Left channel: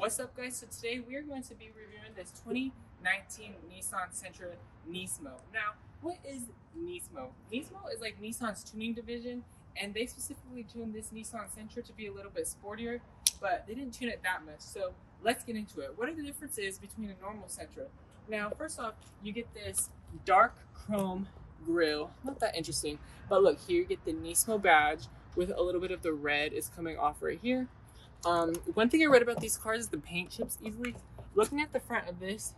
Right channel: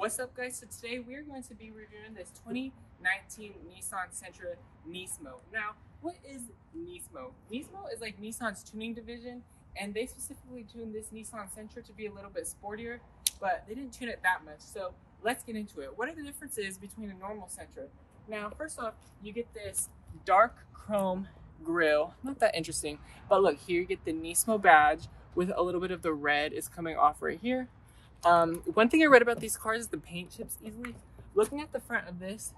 What's up, guys? So today we're going to be reviewing this 2019 Nissan Sentra Nismo. Now, what is Nismo? Nismo is like Nissan's tuning division, and they specifically tuned this Nissan Sentra to be a little bit sportier, but they didn't tune it that much. So let's get into it. What are the differences between a normal Sentra? Now, first off, you get this dark chrome grille. Not that interesting, but look, here you get the Nismo badge with a little bit of the red is coming off right here. One thing I read about these cars is the paint chips easily. Looking at the front of this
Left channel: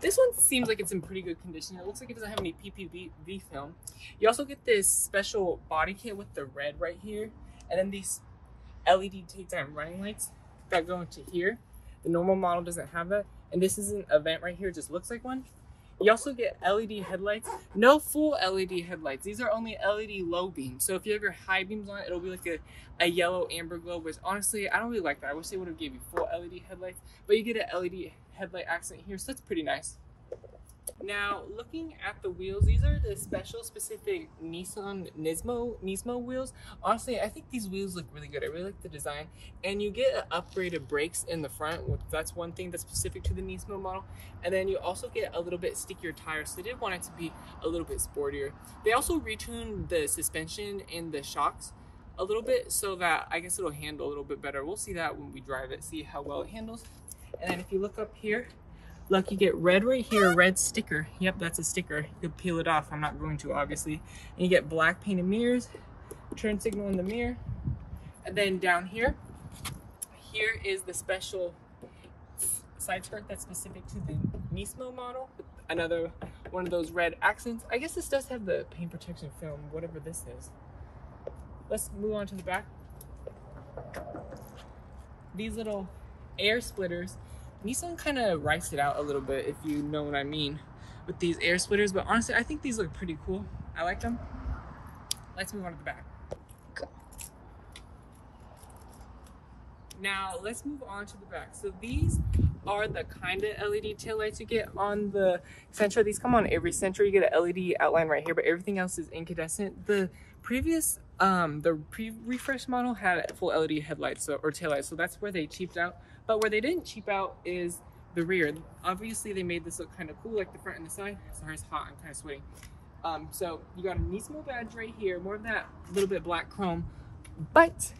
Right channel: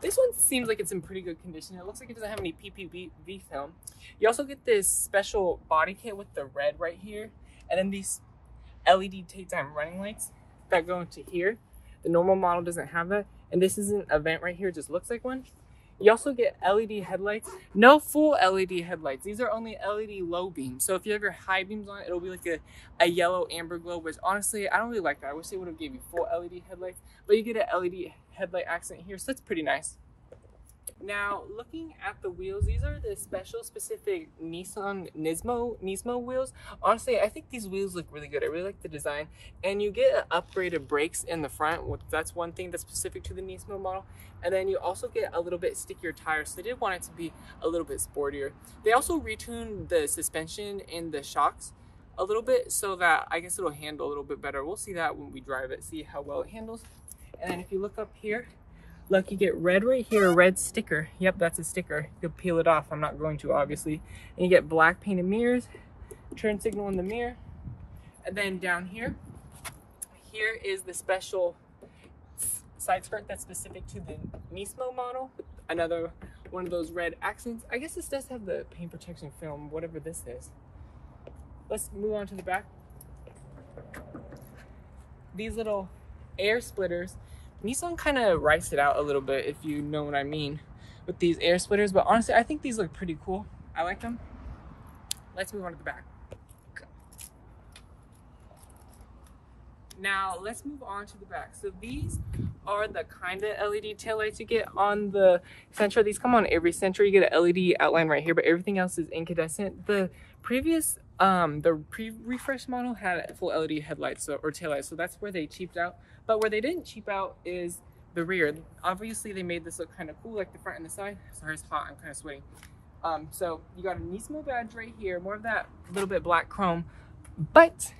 one seems like it's in pretty good condition. It looks like it doesn't have any PPV film. You also get this special body kit with the red right here, and then these LED daytime running lights that go into here. The normal model doesn't have that, and this isn't a vent right here, it just looks like one. You also get LED headlights. No full LED headlights. These are only LED low beam. So if you have your high beams on, it'll be like a yellow amber glow, which honestly, I don't really like that. I wish they would have gave you full LED headlights, but you get an LED headlight accent here, so that's pretty nice. Now, looking at the wheels, these are the special specific Nissan Nismo wheels. Honestly, I think these wheels look really good. I really like the design. And you get upgraded brakes in the front. That's one thing that's specific to the Nismo model. And then you also get a little bit stickier tires. So they did want it to be a little bit sportier. They also retuned the suspension and the shocks a little bit so that I guess it'll handle a little bit better. We'll see that when we drive it, see how well it handles. And then if you look up here, look, you get red right here, a red sticker. Yep, that's a sticker. You'll peel it off. I'm not going to, obviously. And you get black painted mirrors, turn signal in the mirror. And then down here is the special side skirt that's specific to the Nismo model. Another one of those red accents. I guess this does have the paint protection film, whatever this is. Let's move on to the back. These little air splitters. Nissan kind of writes it out a little bit, if you know what I mean, with these air splitters, but honestly, I think these look pretty cool. I like them. Let's move on to the back. Now, let's move on to the back. So these are the kind of LED taillights you get on the Sentra. These come on every Sentra. You get an LED outline right here, but everything else is incandescent. The previous, the pre-refresh model had full LED headlights or taillights, so that's where they cheaped out. But where they didn't cheap out is the rear. Obviously, they made this look kind of cool, like the front and the side. Sorry, it's hot. I'm kind of sweating. So you got a Nismo badge right here, more of that little bit black chrome, but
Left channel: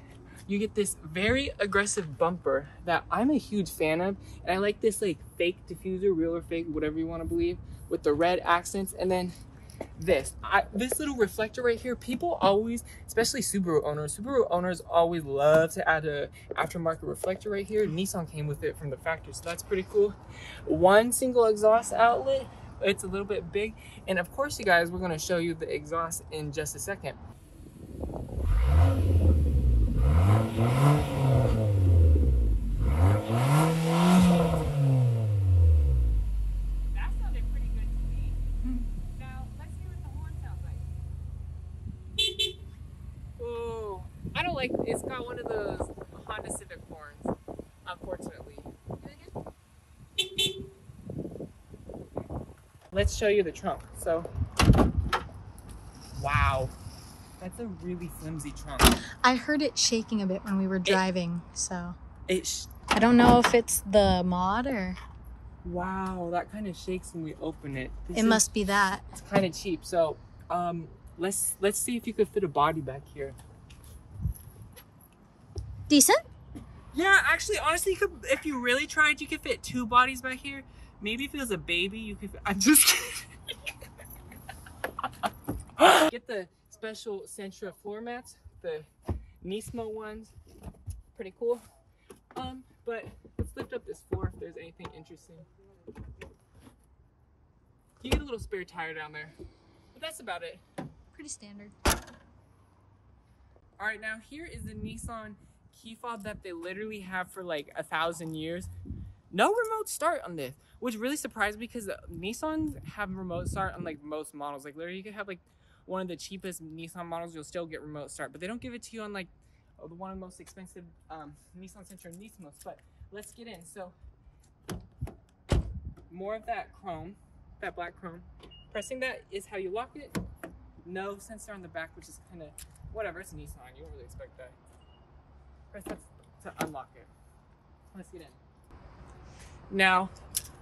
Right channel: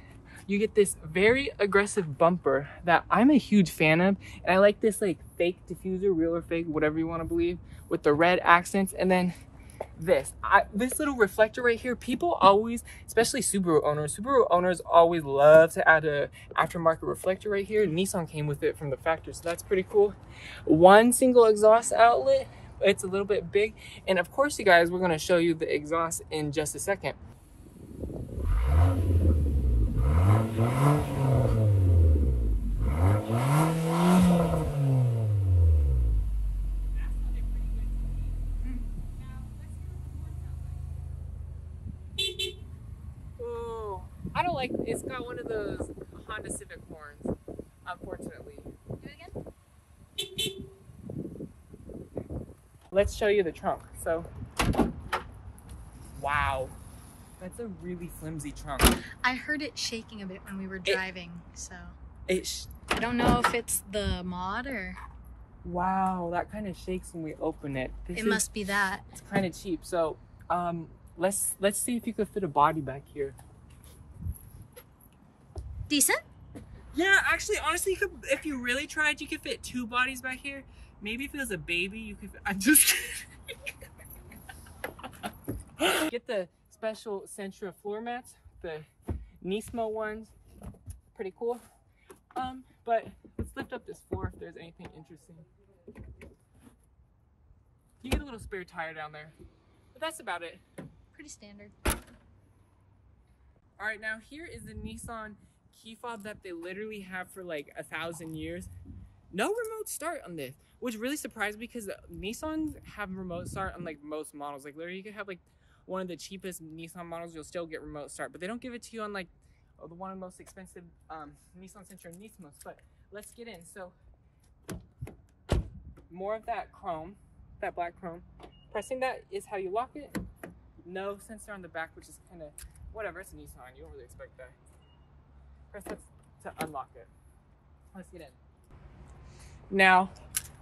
you get this very aggressive bumper that I'm a huge fan of, and I like this like fake diffuser, real or fake, whatever you want to believe, with the red accents. And then this little reflector right here, people always, especially Subaru owners always love to add a aftermarket reflector right here. Nissan came with it from the factory, so that's pretty cool. One single exhaust outlet, it's a little bit big, and of course, you guys, we're going to show you the exhaust in just a second. I don't like, it's got one of those Honda Civic horns, unfortunately. Do it again. Let's show you the trunk. So, wow, that's a really flimsy trunk. I heard it shaking a bit when we were driving, so I don't know if it's the mod or... Wow, that kind of shakes when we open it. It must be that. It's kind of cheap. So, let's see if you could fit a body back here. Decent? Yeah, actually, honestly, you could, if you really tried, you could fit two bodies back here. Maybe if it was a baby, you could fit, I'm just kidding. Get the special Sentra floor mats, the Nismo ones. Pretty cool. But let's lift up this floor if there's anything interesting. You get a little spare tire down there. But that's about it. Pretty standard. All right, now here is the Nissan key fob that they literally have for like 1,000 years. No remote start on this, which really surprised me because Nissans have remote start on like most models. Like literally you could have like one of the cheapest Nissan models, you'll still get remote start, but they don't give it to you on like the one of the most expensive Nissan Sentra Nismos. But let's get in. So more of that chrome, that black chrome. Pressing that is how you lock it. No sensor on the back, which is kind of whatever. It's a Nissan, you don't really expect that. Press that to unlock it. Let's get in. Now,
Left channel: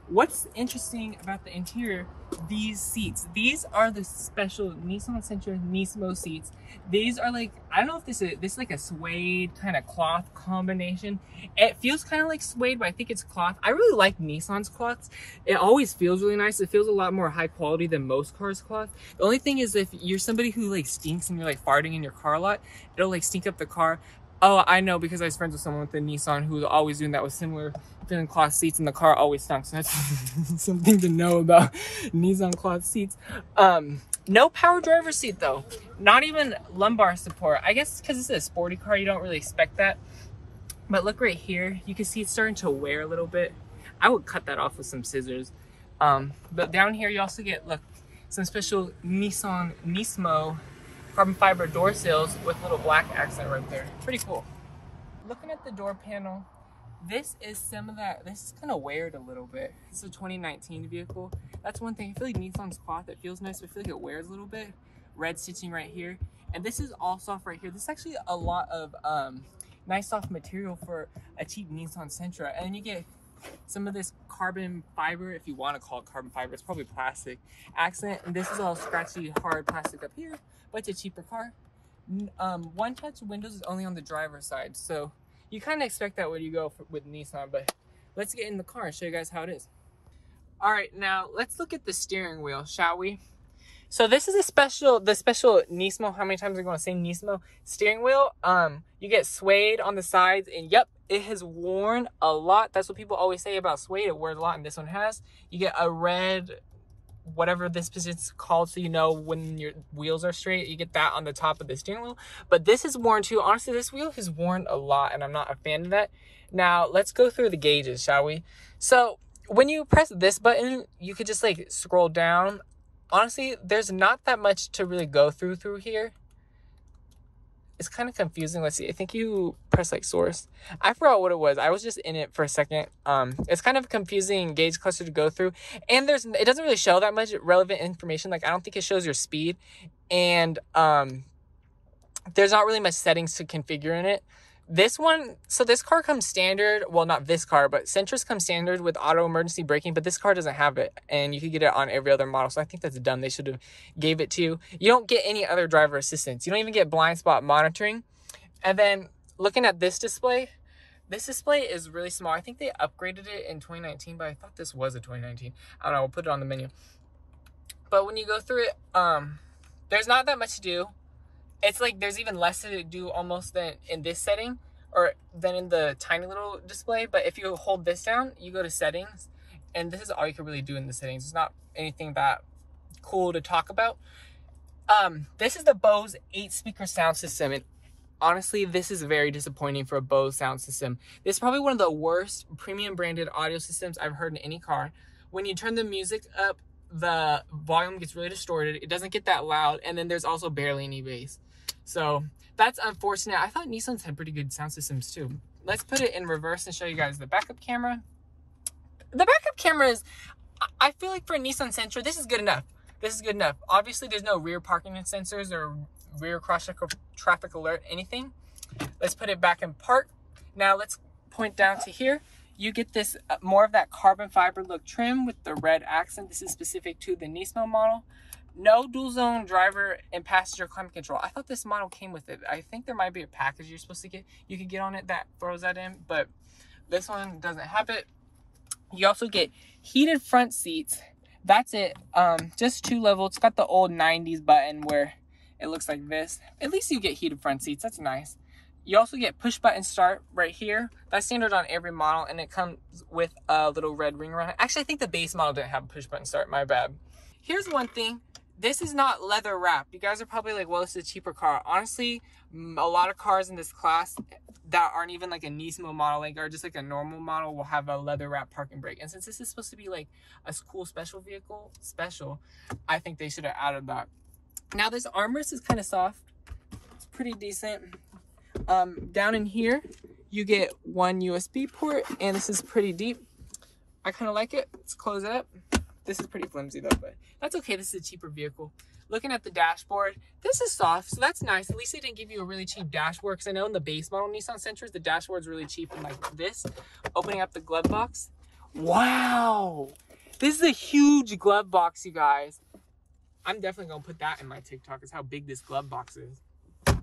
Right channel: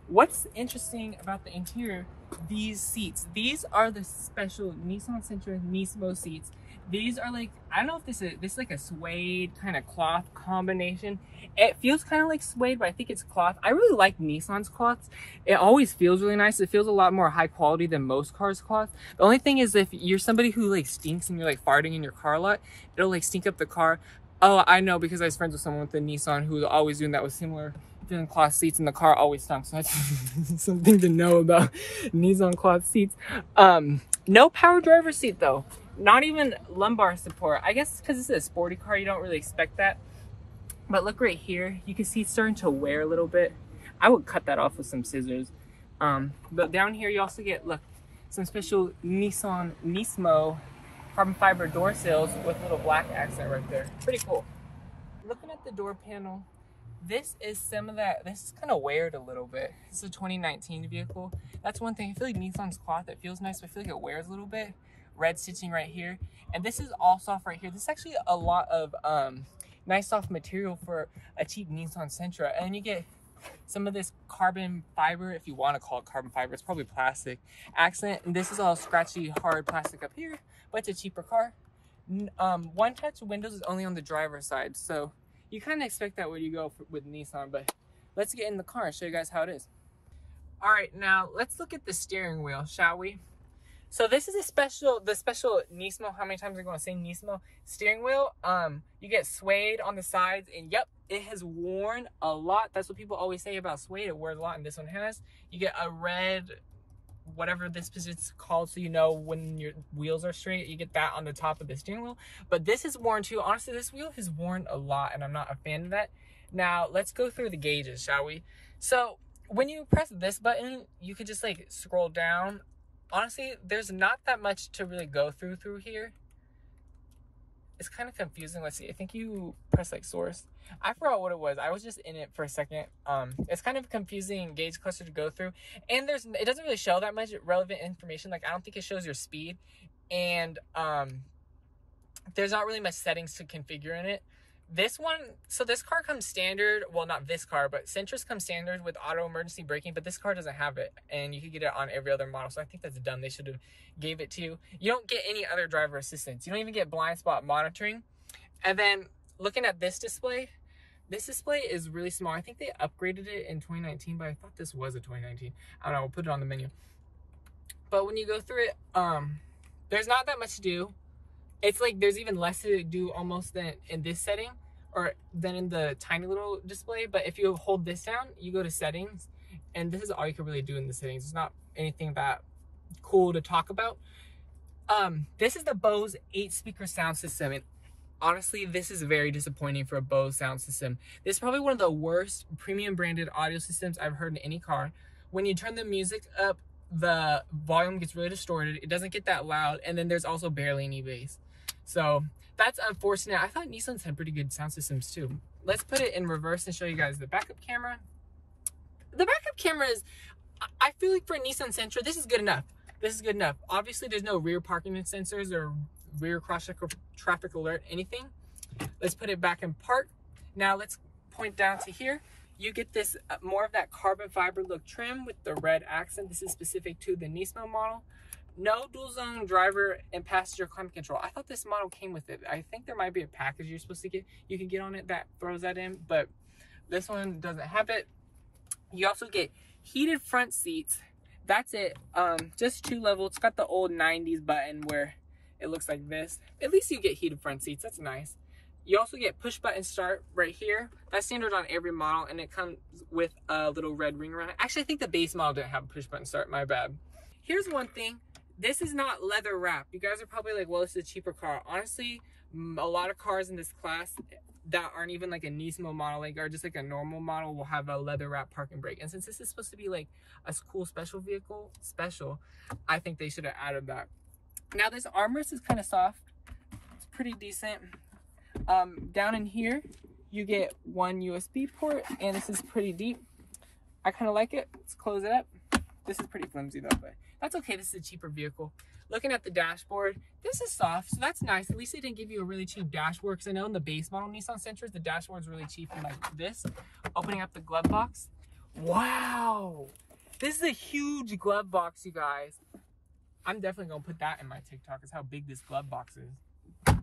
what's interesting about the interior, these seats. These are the special Nissan Sentra Nismo seats. These are like, I don't know if this is like a suede kind of cloth combination. It feels kind of like suede, but I think it's cloth. I really like Nissan's cloths. It always feels really nice. It feels a lot more high quality than most cars' cloth. The only thing is, if you're somebody who like stinks and you're like farting in your car a lot, it'll like stink up the car. Oh, I know, because I was friends with someone with a Nissan who was always doing that with similar feeling cloth seats, and the car always stunk. So that's something to know about Nissan cloth seats. No power driver's seat though. Not even lumbar support. I guess because it's a sporty car, you don't really expect that. But look right here, you can see it's starting to wear a little bit. I would cut that off with some scissors. But down here you also get, look, some special Nissan Nismo carbon fiber door sills with a little black accent right there. Pretty cool. Looking at the door panel, this is some of that. This is kind of weared a little bit. It's a 2019 vehicle. That's one thing. I feel like Nissan's cloth, it feels nice, but I feel like it wears a little bit. Red stitching right here. And this is all soft right here. This is actually a lot of nice soft material for a cheap Nissan Sentra. And then you get some of this carbon fiber, if you want to call it carbon fiber, it's probably plastic accent. And this is all scratchy, hard plastic up here, but it's a cheaper car. One touch windows is only on the driver's side, so you kind of expect that when you go with Nissan. But let's get in the car and show you guys how it is. All right, now let's look at the steering wheel, shall we? So this is the special Nismo, how many times are you going to say Nismo steering wheel? You get suede on the sides, and yep, it has worn a lot. That's what people always say about suede. It wears a lot, and this one has. You get a red, whatever this position's called, so you know when your wheels are straight. You get that on the top of the steering wheel. But this is worn too. Honestly, this wheel has worn a lot, and I'm not a fan of that. Now, let's go through the gauges, shall we? So when you press this button, you could just like scroll down. Honestly, there's not that much to really go through here. It's kind of confusing. Let's see. I think you press like source. I forgot what it was. I was just in it for a second. It's kind of a confusing gauge cluster to go through, and it doesn't really show that much relevant information. Like, I don't think it shows your speed, and there's not really much settings to configure in it. This one, so this car comes standard, well, not this car, but Sentras come standard with auto emergency braking, but this car doesn't have it, and you can get it on every other model, so I think that's dumb. They should have gave it to you. You don't get any other driver assistance. You don't even get blind spot monitoring. And then looking at this display is really small. I think they upgraded it in 2019, but I thought this was a 2019. I don't know, we'll put it on the menu. But when you go through it, there's not that much to do. It's like there's even less to do almost than in this setting, or than in the tiny little display. But if you hold this down, you go to settings, and this is all you can really do in the settings. It's not anything that cool to talk about. This is the Bose 8-speaker sound system, and honestly, this is very disappointing for a Bose sound system. This is probably one of the worst premium branded audio systems I've heard in any car. When you turn the music up, the volume gets really distorted. It doesn't get that loud, and then there's also barely any bass. So that's unfortunate. I thought Nissans had pretty good sound systems too. Let's put it in reverse and show you guys the backup camera. The backup camera is, I feel like for a Nissan Sentra, this is good enough. This is good enough. Obviously, there's no rear parking sensors or rear cross-check or traffic alert, anything. Let's put it back in park. Now let's point down to here. You get this more of that carbon fiber look trim with the red accent. This is specific to the Nismo model. No dual zone driver and passenger climate control. I thought this model came with it. I think there might be a package you're supposed to get, you can get on it that throws that in, but this one doesn't have it. You also get heated front seats. That's it. Just 2 level. It's got the old 90s button where it looks like this. At least you get heated front seats. That's nice. You also get push button start right here. That's standard on every model, and it comes with a little red ring around it. Actually, I think the base model didn't have a push button start. My bad. Here's one thing. This is not leather wrapped. You guys are probably like, well, this is a cheaper car. Honestly, a lot of cars in this class that aren't even like a Nismo model, like, or just like a normal model, will have a leather wrap parking brake. And since this is supposed to be like a cool special vehicle, I think they should have added that. Now this armrest is kind of soft. It's pretty decent. Down in here, you get 1 USB port, and this is pretty deep. I kind of like it. Let's close it up. This is pretty flimsy though, but that's okay. This is a cheaper vehicle. Looking at the dashboard, this is soft, so that's nice. At least they didn't give you a really cheap dashboard, because I know in the base model Nissan Sentras, the dashboard's really cheap and like this. Opening up the glove box. Wow. This is a huge glove box, you guys. I'm definitely going to put that in my TikTok, is how big this glove box is.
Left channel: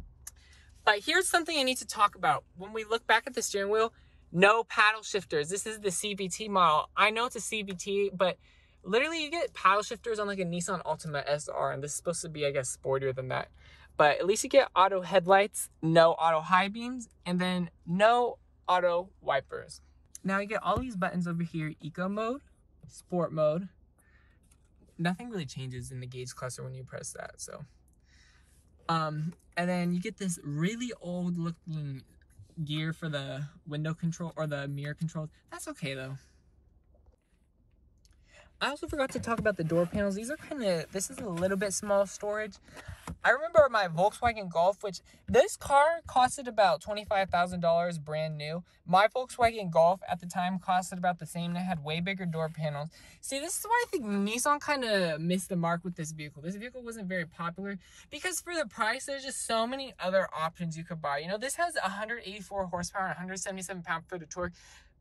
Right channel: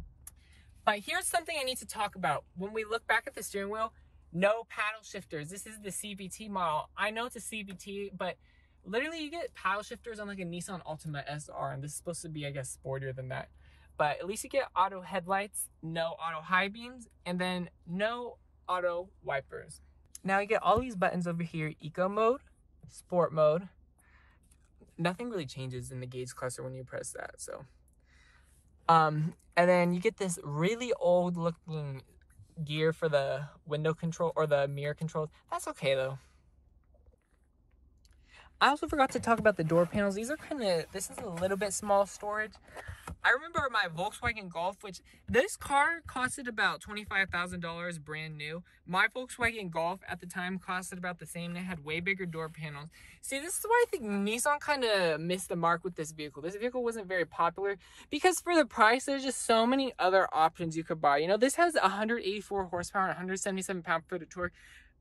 But here's something I need to talk about. When we look back at the steering wheel, no paddle shifters. This is the CVT model. I know it's a CVT, but literally you get paddle shifters on like a Nissan Altima SR, and this is supposed to be, I guess, sportier than that. But at least you get auto headlights, no auto high beams, and then no auto wipers. Now you get all these buttons over here: eco mode, sport mode. Nothing really changes in the gauge cluster when you press that, so. And then you get this really old looking gear for the window control or the mirror controls. That's okay though. I also forgot to talk about the door panels. These are this is a little bit small storage. I remember my Volkswagen Golf, which this car costed about $25,000 brand new. My Volkswagen Golf at the time costed about the same, and it had way bigger door panels. See, this is why I think Nissan kind of missed the mark with this vehicle. This vehicle wasn't very popular because for the price, there's just so many other options you could buy. You know, this has 184 horsepower and 177 pound-foot of torque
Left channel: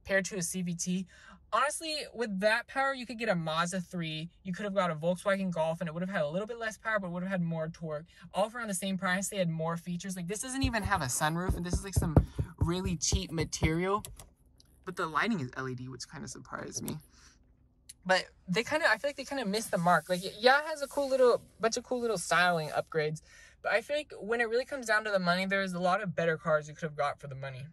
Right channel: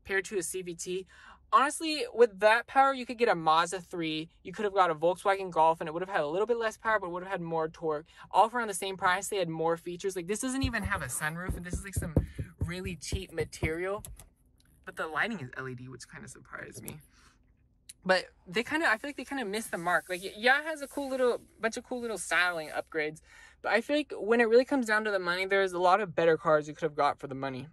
paired to a CVT. Honestly, with that power, you could get a Mazda 3. You could have got a Volkswagen Golf, and it would have had a little bit less power, but would have had more torque. All for around the same price. They had more features. Like, this doesn't even have a sunroof, and this is like some really cheap material. But the lighting is LED, which kind of surprised me. But I feel like they kind of missed the mark. Like, yeah, it has a bunch of cool little styling upgrades. But I feel like when it really comes down to the money, there's a lot of better cars you could have got for the money.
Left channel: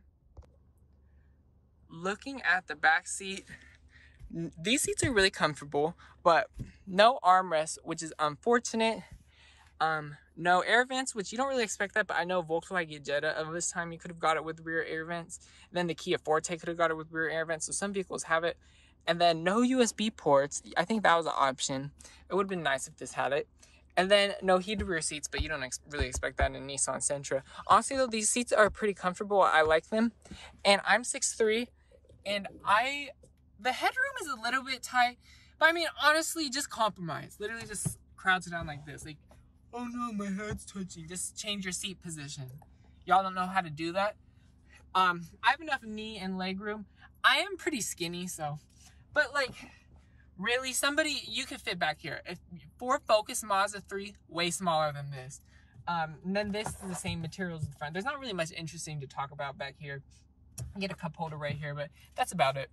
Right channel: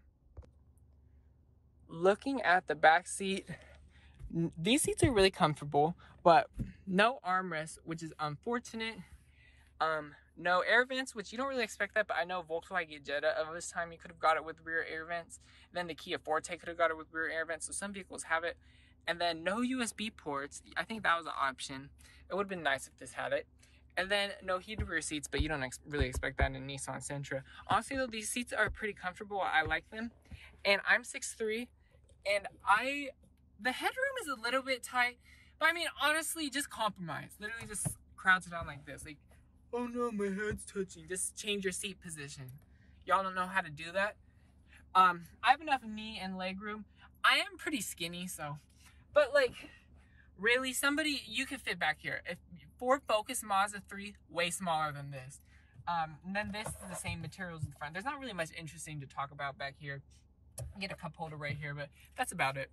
Looking at the back seat, these seats are really comfortable, but no armrest, which is unfortunate. No air vents, which you don't really expect that, but I know Volkswagen Jetta of this time, you could have got it with rear air vents. Then the Kia Forte could have got it with rear air vents, so some vehicles have it. And then no USB ports. I think that was an option. It would have been nice if this had it. And then no heated rear seats, but you don't really expect that in a Nissan Sentra. Honestly though, these seats are pretty comfortable. I like them. And I'm 6'3", and the headroom is a little bit tight, but I mean, honestly, just compromise. Literally just crouch it down like this. Like, oh no, my head's touching. Just change your seat position. Y'all don't know how to do that. I have enough knee and leg room. I am pretty skinny, so, but like, really, you could fit back here. If Ford Focus Mazda 3, way smaller than this. And then this is the same materials in the front. There's not really much interesting to talk about back here. Get a cup holder right here, but that's about it.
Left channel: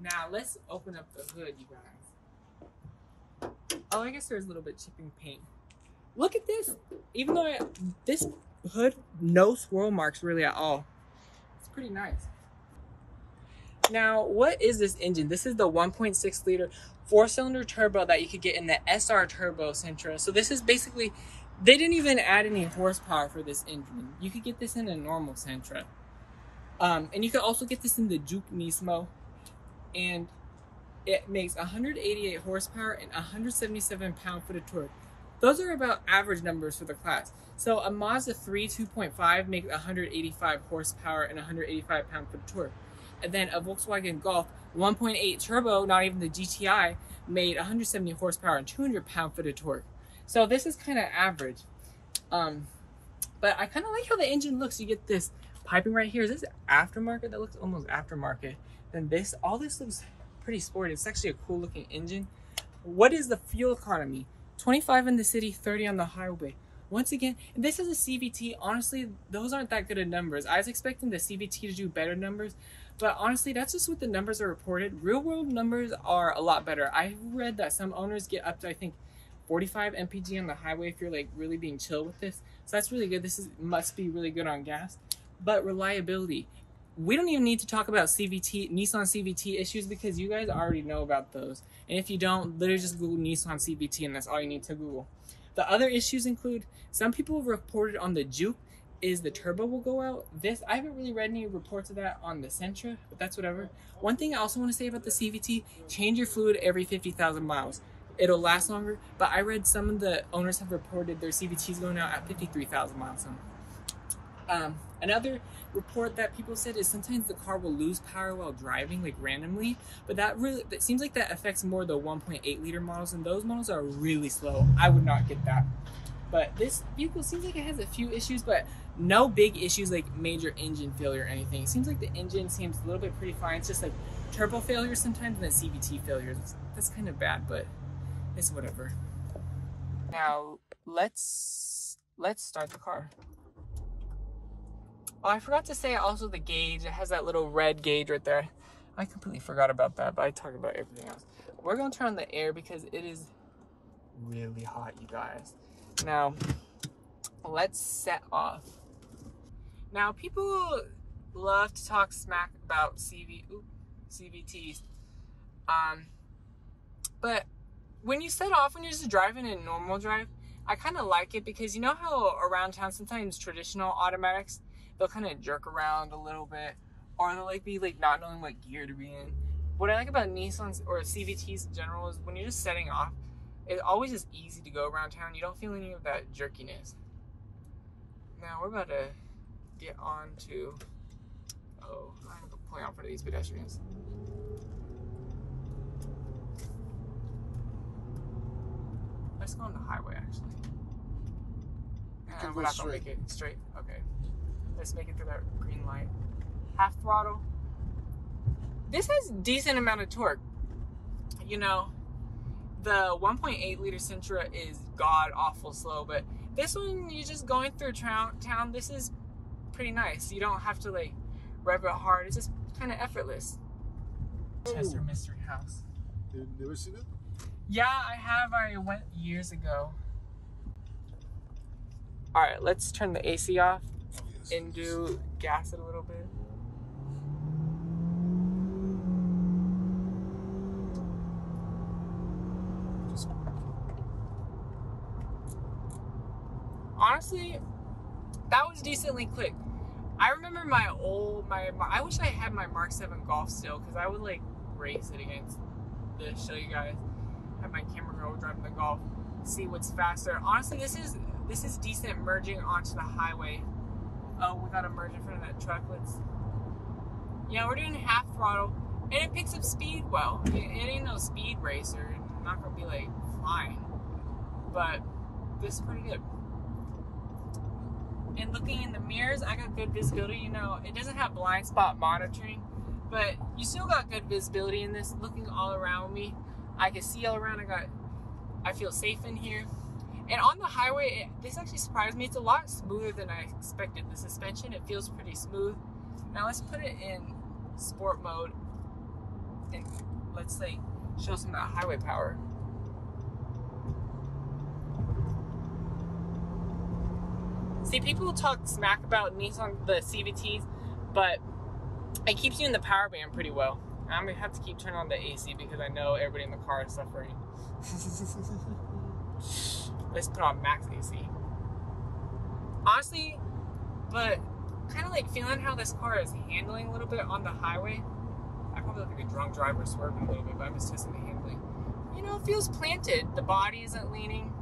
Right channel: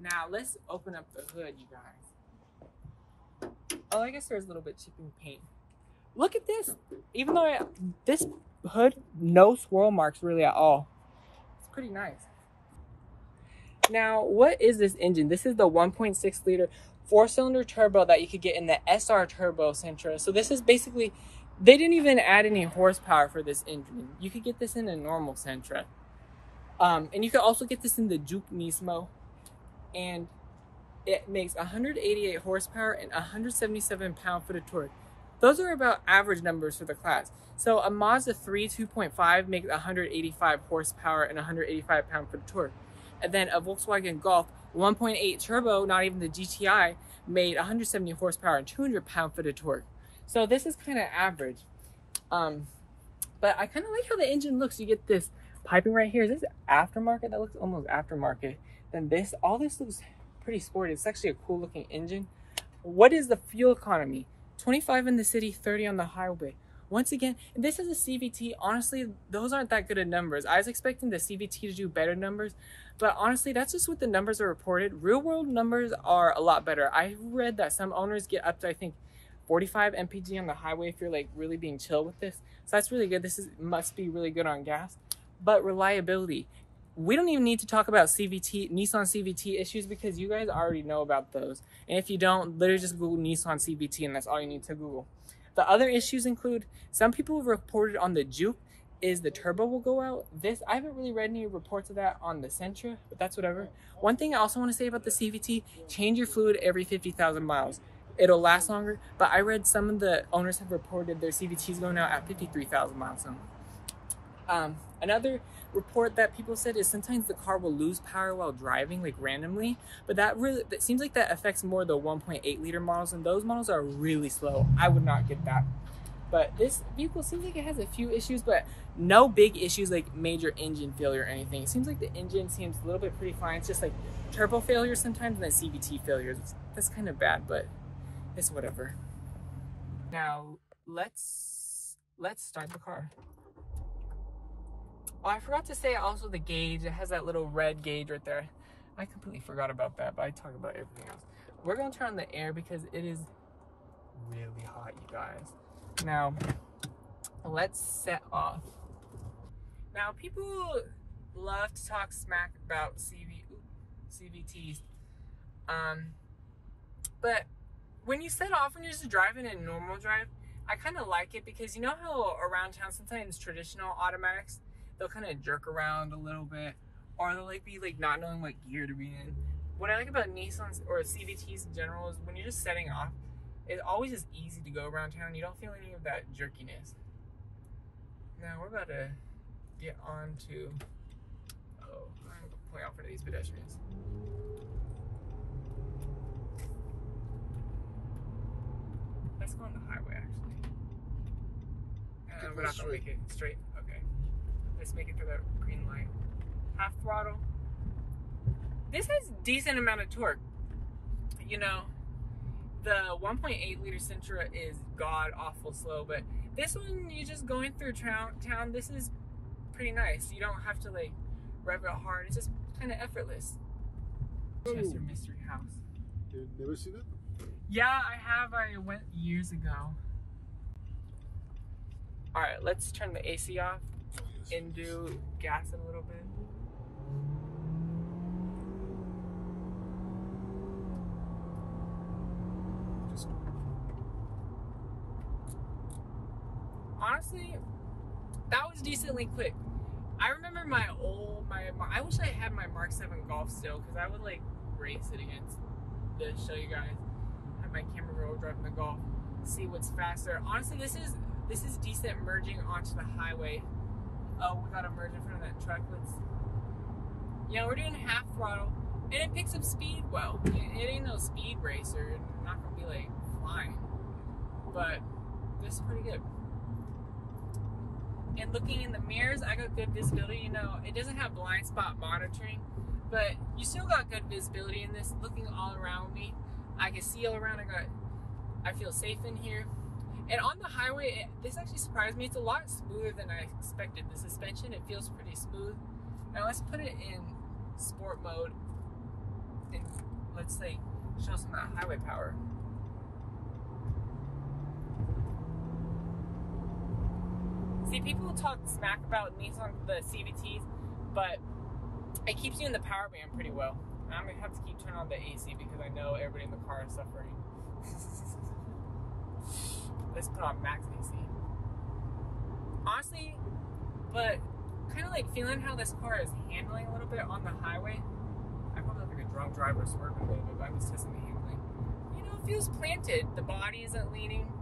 Now let's open up the hood, you guys. Oh, I guess there's a little bit chipping paint. Look at this. Even though this hood, no swirl marks really at all. It's pretty nice. Now, what is this engine? This is the 1.6 liter 4-cylinder turbo that you could get in the SR Turbo Sentra. So this is basically, they didn't even add any horsepower for this engine. You could get this in a normal Sentra. And you could also get this in the Juke Nismo. And it makes 188 horsepower and 177 pound-foot of torque. Those are about average numbers for the class. So a Mazda 3 2.5 makes 185 horsepower and 185 pound-foot of torque. And then a Volkswagen Golf 1.8 turbo, not even the GTI, made 170 horsepower and 200 pound-foot of torque. So this is kind of average. But I kind of like how the engine looks. You get this piping right here. Is this aftermarket? That looks almost aftermarket. Then all this looks pretty sporty. It's actually a cool looking engine. What is the fuel economy? 25 in the city, 30 on the highway. Once again, this is a CVT. Honestly, those aren't that good of numbers. I was expecting the CVT to do better numbers, but honestly, that's just what the numbers are reported. Real world numbers are a lot better. I read that some owners get up to, I think, 45 mpg on the highway if you're like really being chill with this. So that's really good. Must be really good on gas. But reliability. We don't even need to talk about Nissan CVT issues because you guys already know about those. And if you don't, literally just Google Nissan CVT and that's all you need to Google. The other issues include, some people have reported on the Juke is the turbo will go out. I haven't really read any reports of that on the Sentra, but that's whatever. One thing I also want to say about the CVT, change your fluid every 50,000 miles. It'll last longer, but I read some of the owners have reported their CVTs going out at 53,000 miles. Another report that people said is sometimes the car will lose power while driving, like randomly, but that seems like that affects more the 1.8 liter models, and those models are really slow. I would not get that. But this vehicle seems like it has a few issues, but no big issues like major engine failure or anything. It seems like the engine seems a little bit pretty fine. It's just like turbo failure sometimes and then CVT failures. That's kind of bad, but it's whatever. Now let's start the car. Oh, I forgot to say also the gauge. It has that little red gauge right there. I completely forgot about that, but I talked about everything else. We're gonna turn on the air because it is really hot, you guys. Now, let's set off. Now, people love to talk smack about CVTs. But when you set off, when you're just driving in normal drive, I kind of like it because you know how around town sometimes traditional automatics, they'll kind of jerk around a little bit, or they'll like be like not knowing what gear to be in. What I like about Nissans or CVTs in general is when you're just setting off, it's always just easy to go around town. You don't feel any of that jerkiness. Now we're about to get on to, I'm pulling out for these pedestrians. Let's go on the highway actually. We're not gonna make it straight. Okay. Let's make it through that green light. Half throttle. This has decent amount of torque. You know, the 1.8 liter Sentra is god awful slow, but this one, you're just going through town. This is pretty nice. You don't have to like rev it hard. It's just kind of effortless. Chester Mystery House. You've never seen it? Yeah, I have. I went years ago. All right, let's turn the AC off and gas it a little bit. Honestly, that was decently quick. I remember I wish I had my Mark 7 Golf still, because I would like race it against to show you guys. Have my camera girl driving the Golf, see what's faster. Honestly, this is decent merging onto the highway. Oh, we got to merge in front of that truck. We're doing half throttle, and it picks up speed well. It ain't no speed racer. I'm not gonna be like flying, but this is pretty good. And looking in the mirrors, I got good visibility. It doesn't have blind spot monitoring, but you still got good visibility in this. Looking all around me, I can see all around. I feel safe in here. And on the highway, this actually surprised me. It's a lot smoother than I expected. The suspension, it feels pretty smooth. Now let's put it in sport mode and let's like show some of that highway power. See, people talk smack about Nissan, the CVTs, but it keeps you in the power band pretty well. I'm gonna have to keep turning on the AC because I know everybody in the car is suffering. Let's put on max AC. Honestly, but kind of like feeling how this car is handling a little bit on the highway. I probably look like a drunk driver swerving a little bit, but I'm just testing the handling. It feels planted. The body isn't leaning.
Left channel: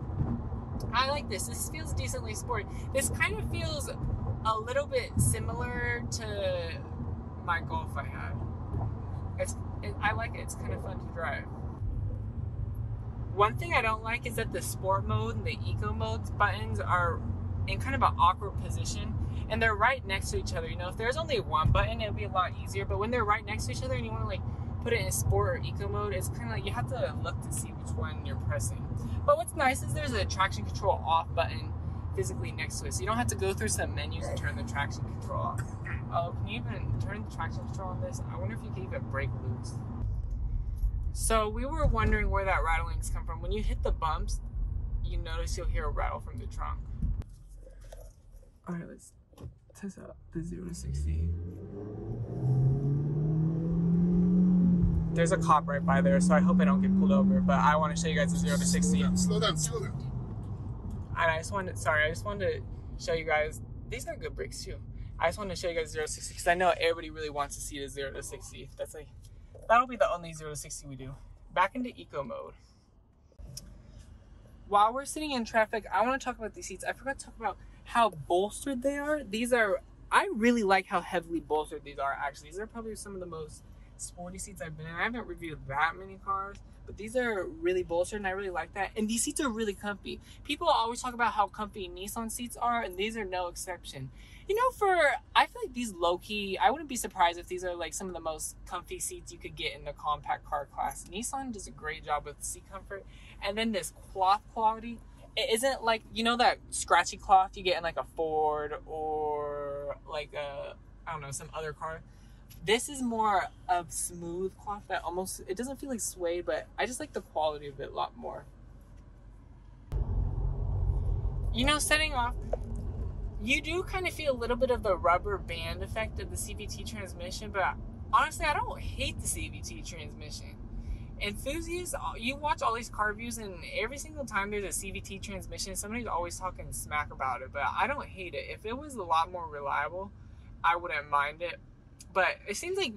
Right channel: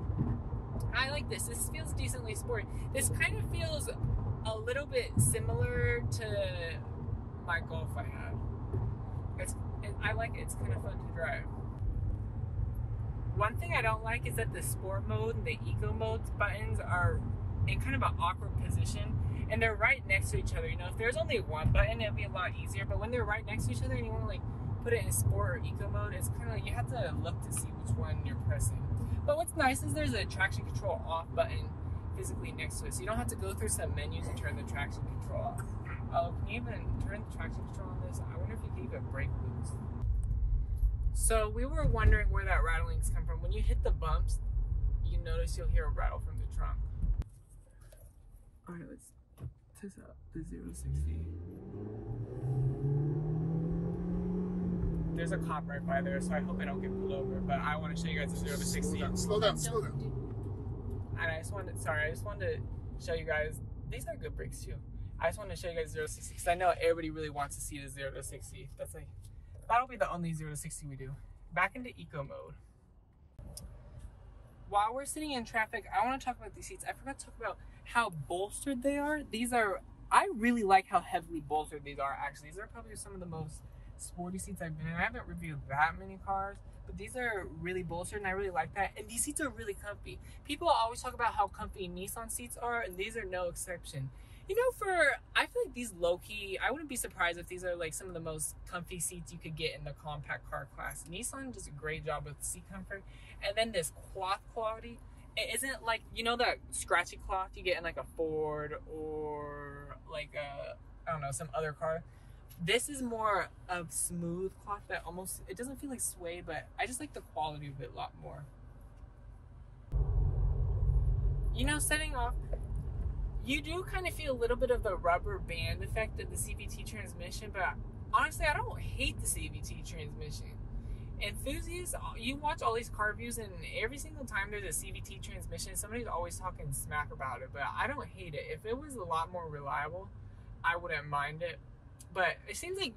I like this. This feels decently sporty. This kind of feels a little bit similar to my Golf I had. I like it. It's kind of fun to drive. One thing I don't like is that the sport mode and the eco mode buttons are in kind of an awkward position, and they're right next to each other. If there's only one button, it would be a lot easier, but when they're right next to each other and you want to like put it in sport or eco mode, it's kind of like you have to look to see which one you're pressing. But what's nice is there's a traction control off button physically next to it, so you don't have to go through some menus and turn the traction control off. Oh, can you even turn the traction control on this? I wonder if you can even brake loose. So we were wondering where that rattlings come from. When you hit the bumps, you notice you'll hear a rattle from the trunk. All right, let's test out the 0 to 60. There's a cop right by there, so I hope I don't get pulled over, but I want to show you guys the 0 to 60. Slow down. And I just wanted to show you guys, these are good brakes too. I just wanted to show you guys 0 to 60 because I know everybody really wants to see the 0 to 60. That'll be the only 0 to 60 we do. Back into eco mode. While we're sitting in traffic, I want to talk about these seats. I forgot to talk about how bolstered they are. I really like how heavily bolstered these are, actually. These are probably some of the most sporty seats I've been in. I haven't reviewed that many cars, but these are really bolstered and I really like that. And these seats are really comfy. People always talk about how comfy Nissan seats are, and these are no exception. You know, I feel like these low-key, I wouldn't be surprised if these are like some of the most comfy seats you could get in the compact car class. Nissan does a great job with seat comfort. And then this cloth quality, it isn't like, you know, that scratchy cloth you get in like a Ford or like a, I don't know, some other car. This is more of smooth cloth that almost, it doesn't feel like suede, but I just like the quality of it a lot more. You know, setting off, you do kind of feel a little bit of the rubber band effect of the CVT transmission, but honestly, I don't hate the CVT transmission. Enthusiasts, you watch all these car reviews, and every single time there's a CVT transmission, somebody's always talking smack about it, but I don't hate it. If it was a lot more reliable, I wouldn't mind it. But it seems like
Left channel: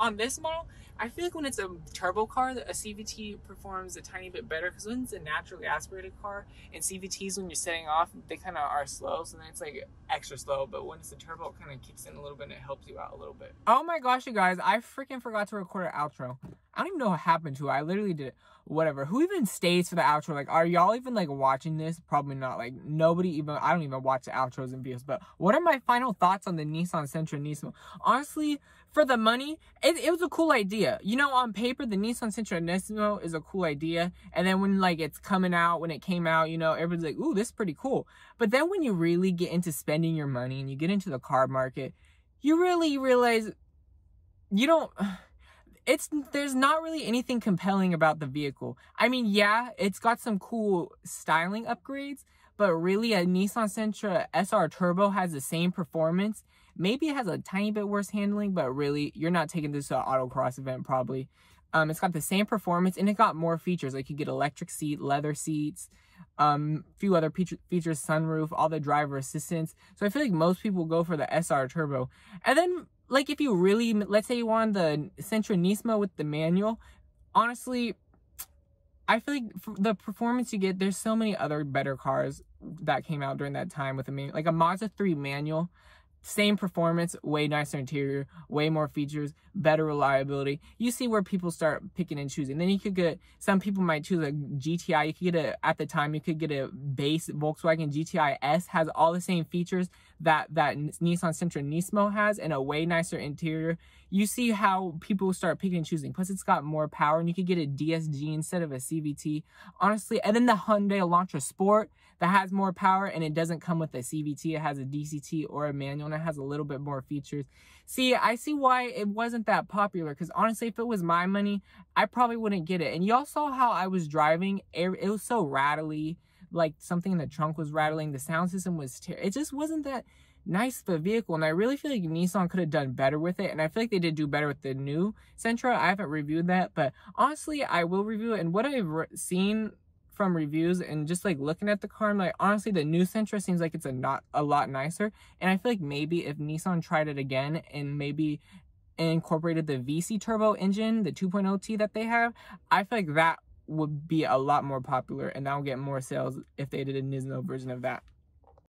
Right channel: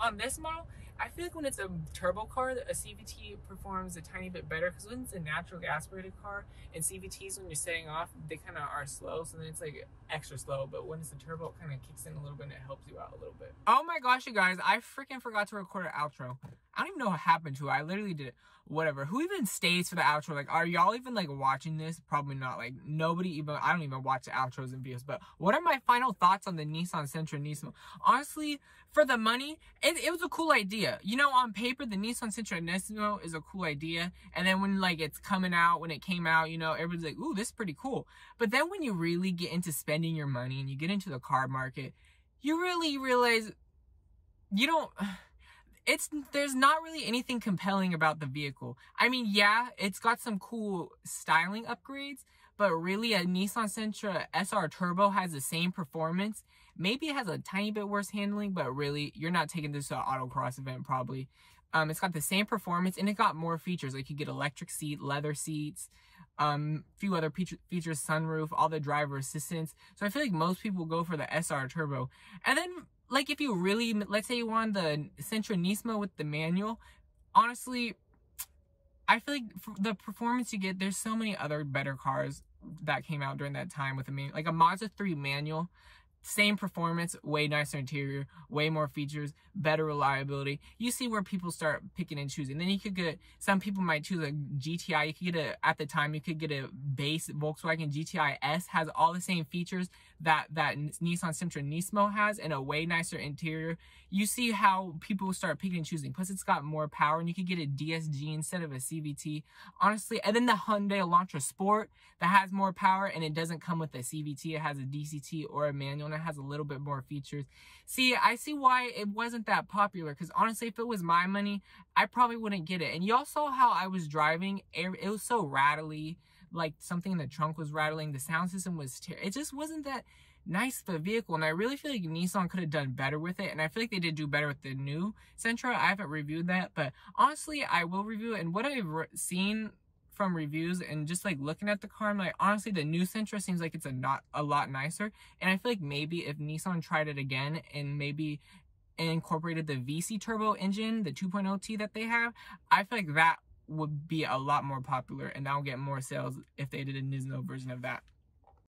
on this model, I feel like when it's a turbo car, a CVT performs a tiny bit better, because when it's a naturally aspirated car, and CVTs, when you're setting off, they kind of are slow, so then it's like extra slow. But when it's a turbo, it kind of kicks in a little bit and it helps you out a little bit. Oh my gosh, you guys, I freaking forgot to record an outro. I don't even know what happened to it. I literally did it. Whatever. Who even stays for the outro? Like, are y'all even like watching this? Probably not. Like, nobody even, I don't even watch the outros and videos. But what are my final thoughts on the Nissan Sentra Nismo? Honestly, for the money, it was a cool idea. You know, on paper, the Nissan Sentra Nismo is a cool idea. And then when like it's coming out, when it came out, you know, everybody's like, ooh, this is pretty cool. But then when you really get into spending your money and you get into the car market, you really realize you don't... there's not really anything compelling about the vehicle. I mean, yeah, it's got some cool styling upgrades, but really a Nissan Sentra SR Turbo has the same performance. Maybe it has a tiny bit worse handling, but really, you're not taking this to an autocross event probably. It's got the same performance, and it got more features. Like, you get electric seat, leather seats, few other features, sunroof, all the driver assistance. So I feel like most people go for the SR Turbo. And then, like, if you really, let's say you want the Sentra Nismo with the manual, honestly, I feel like for the performance you get, there's so many other better cars that came out during that time with a manual. Like a Mazda 3 manual, same performance, way nicer interior, way more features, better reliability. You see where people start picking and choosing. Then you could get, some people might choose a GTI. You could get at the time, you could get a base Volkswagen GTI S, has all the same features that Nissan Sentra Nismo has, and a way nicer interior. You see how people start picking and choosing. Plus, it's got more power, and you could get a DSG instead of a CVT. Honestly, and then the Hyundai Elantra Sport that has more power, and it doesn't come with a CVT. It has a DCT or a manual, and it has a little bit more features. See, I see why it wasn't that popular, because honestly, if it was my money, I probably wouldn't get it. And y'all saw how I was driving. It was so rattly. Like, something in the trunk was rattling. The sound system was it just wasn't that nice of a vehicle, and I really feel like Nissan could have done better with it, and I feel like they did do better with the new Sentra. I haven't reviewed that, but honestly, I will review it. And what I've seen from reviews and just like looking at the car, I'm like, honestly, the new Sentra seems like it's a lot nicer, and I feel like maybe if Nissan tried it again and maybe incorporated the VC turbo engine, the 2.0T that they have, I feel like that would be a lot more popular, and that'll get more sales if they did a Nismo version of that.